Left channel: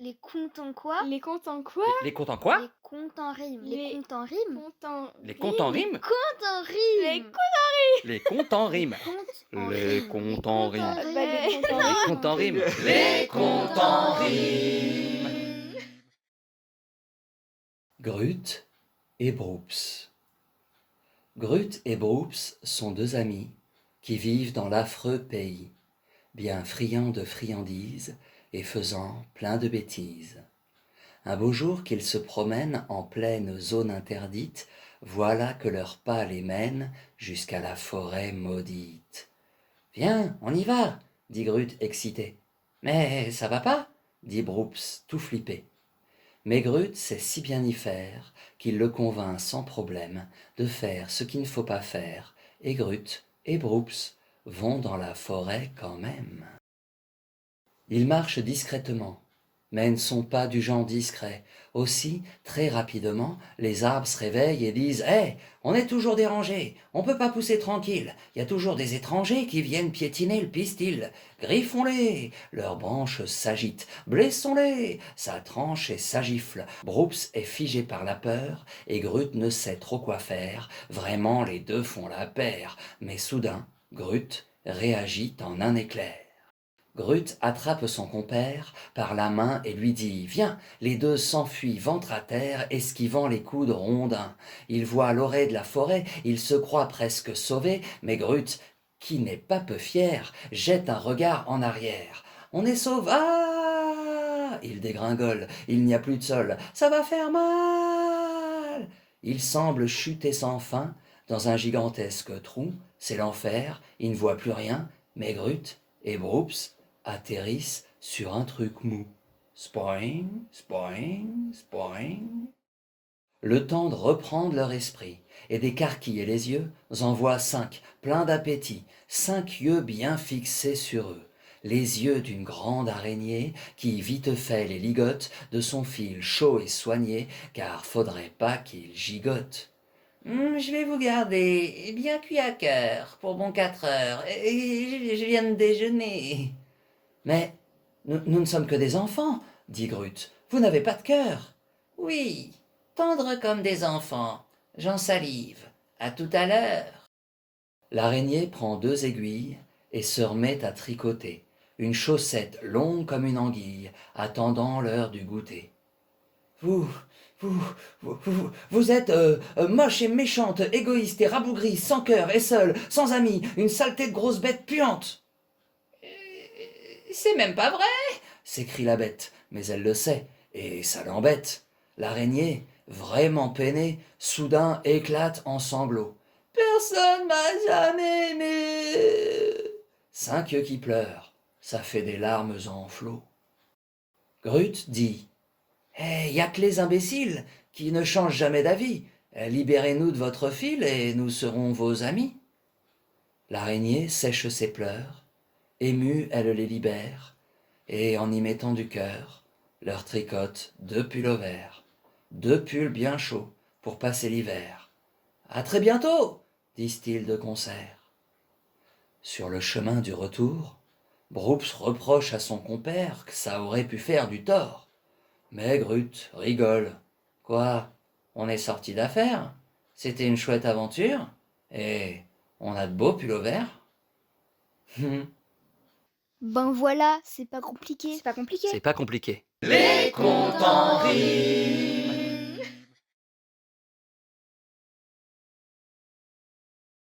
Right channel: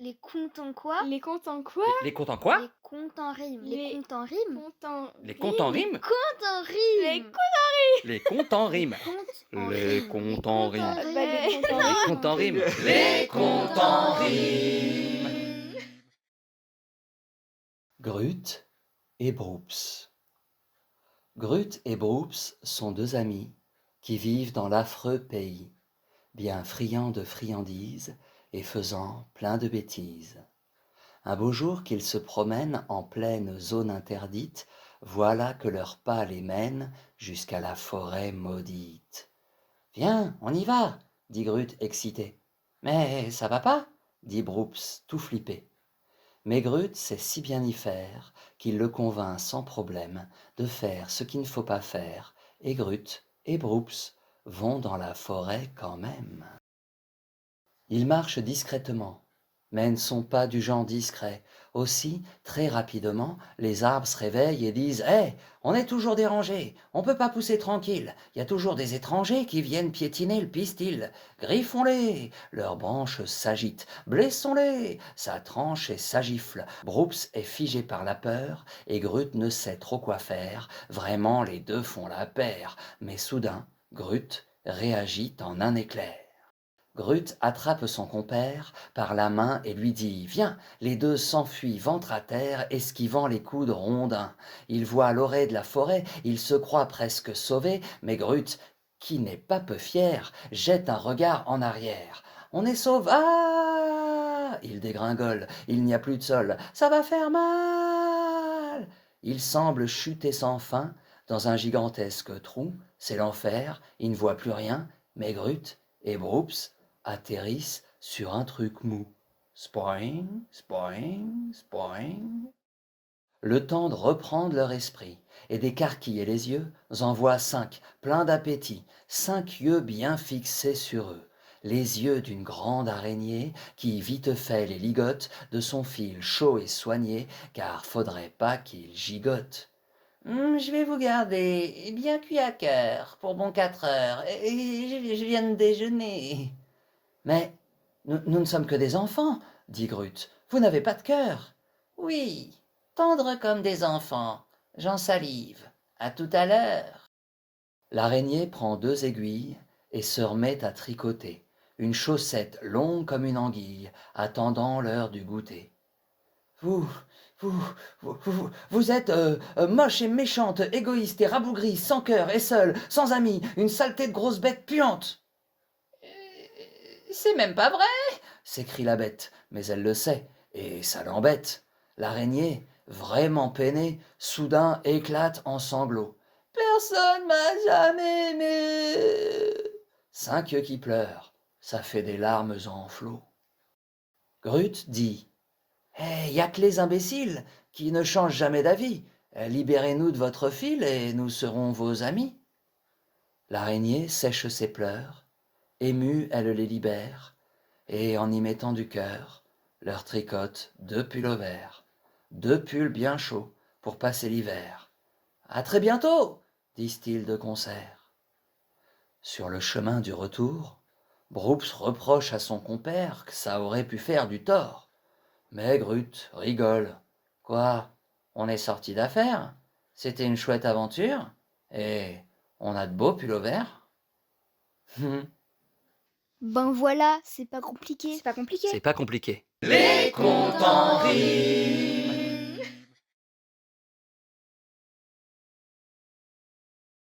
Les contes en quoi? Les contes en quoi? Les contes en quoi? Les contes en rime. Les Les contes en rime? Contes en Les contes en rime? Contes en Les rime! Les contes en Les rime. contes en Les rime. contes Les en contes rime. en Bah, rime. les contes en Les rime. contes en rime. Les contes en rime. Grut et Broops. Grut et Broops sont deux amis qui vivent dans l'affreux pays, bien friands de friandises et faisant plein de bêtises. Un beau jour qu'ils se promènent en pleine zone interdite, voilà que leur pas les mène jusqu'à la forêt maudite. Viens, on y va, dit Grut excité. Mais ça va pas, dit Broops tout flippé. Mais Grut sait si bien y faire qu'il le convainc sans problème de faire ce qu'il ne faut pas faire, et Grut et Broops vont dans la forêt quand même. Ils marchent discrètement, mais ne sont pas du genre discret. Aussi, très rapidement, les arbres se réveillent et disent « Hé, on est toujours dérangés, on peut pas pousser tranquille, il y a toujours des étrangers qui viennent piétiner le pistil. Griffons-les !» Leurs branches s'agitent. « Blessons-les !» Ça tranche et s'agifle. Broops est figé par la peur et Grut ne sait trop quoi faire. Vraiment, les deux font la paire. Mais soudain, Grut réagit en un éclair. Grut attrape son compère par la main et lui dit « Viens !» Les deux s'enfuient ventre à terre, esquivant les coups de Rondin. Ils voient l'orée de la forêt, ils se croient presque sauvés, mais Grut, qui n'est pas peu fier, jette un regard en arrière. « On est sauvés !» Ah il dégringole, il n'y a plus de sol, ça va faire mal. Il semble chuter sans fin dans un gigantesque trou, c'est l'enfer, il ne voit plus rien, mais Grut et Broops atterrissent sur un truc mou. Spoing, spoing, spoing. Le temps de reprendre leur esprit et d'écarquiller les yeux en voit 5, pleins d'appétit, 5 yeux bien fixés sur eux, les yeux d'une grande araignée qui vite fait les ligote de son fil chaud et soigné, car faudrait pas qu'il gigote. Je vais vous garder, bien cuit à cœur, pour bon 4 heures, et je viens de déjeuner. Mais nous ne sommes que des enfants, dit Grut. Vous n'avez pas de cœur. Oui, tendres comme des enfants. J'en salive. À tout à l'heure. L'araignée prend 2 aiguilles et se remet à tricoter. Une chaussette longue comme une anguille, attendant l'heure du goûter. Vous, vous êtes moche et méchante, égoïste et rabougrie, sans cœur et seule, sans amis, une saleté de grosse bête puante. C'est même pas vrai, s'écrie la bête, mais elle le sait, et ça l'embête. L'araignée, vraiment peinée, soudain éclate en sanglots. Personne m'a jamais aimé. 5 yeux qui pleurent, ça fait des larmes en flot. Grut dit y a que les imbéciles qui ne changent jamais d'avis. Libérez-nous de votre fil et nous serons vos amis. L'araignée sèche ses pleurs. Émue, elle les libère, et en y mettant du cœur, leur tricote 2 pulls verts, 2 pulls bien chauds pour passer l'hiver. À très bientôt, disent-ils de concert. Sur le chemin du retour, Broops reproche à son compère que ça aurait pu faire du tort. Mais Grut rigole. Quoi, on est sorti d'affaire? C'était une chouette aventure, et on a de beaux pulls verts. Ben voilà, c'est pas compliqué. C'est pas compliqué. C'est pas compliqué. Les contes en rime.